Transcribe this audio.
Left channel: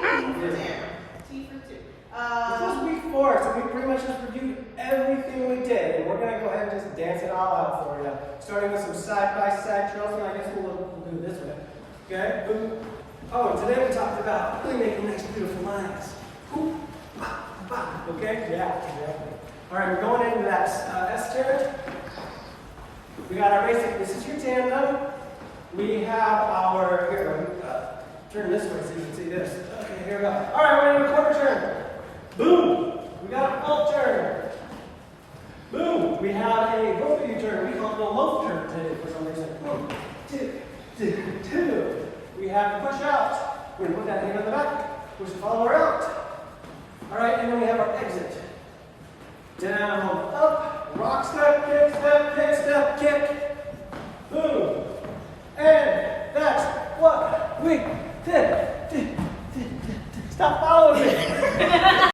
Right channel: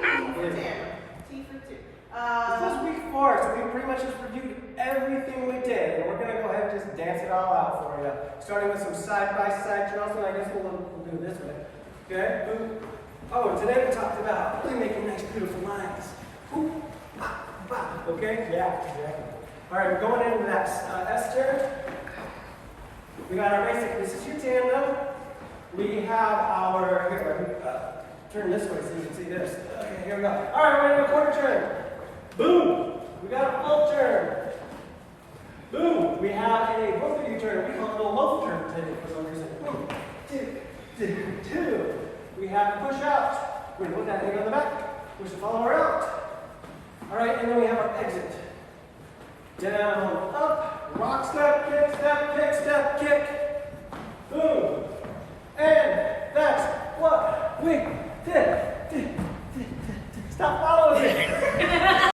T for 2. This was week 4, so we pretty much just reviewed everything we did. And we're going to go ahead and just dance it all out for you. Starting with some side-by-side Charleston. I guess we'll do this way. Okay? Boom. Oh, and today we talked about really making nice, beautiful lines. Boom. Bop, bop. Okay? Yeah, exactly. All right, we're going into that S turn. We got our basic. This is your tandem. We have our, here, turn this way so you can see this. Okay, here we go. All right, we're going to do a quarter turn. Boom. We got a full turn. Boom. We have a both of you turn. We call it a loaf turn today for some reason. 1, 2, 2. We have push out. We're going to put that hand on the back. Push the follower out. All right, and then we have our exit. Down, up, rock step, kick. Boom. And that's what we did. Stop following me.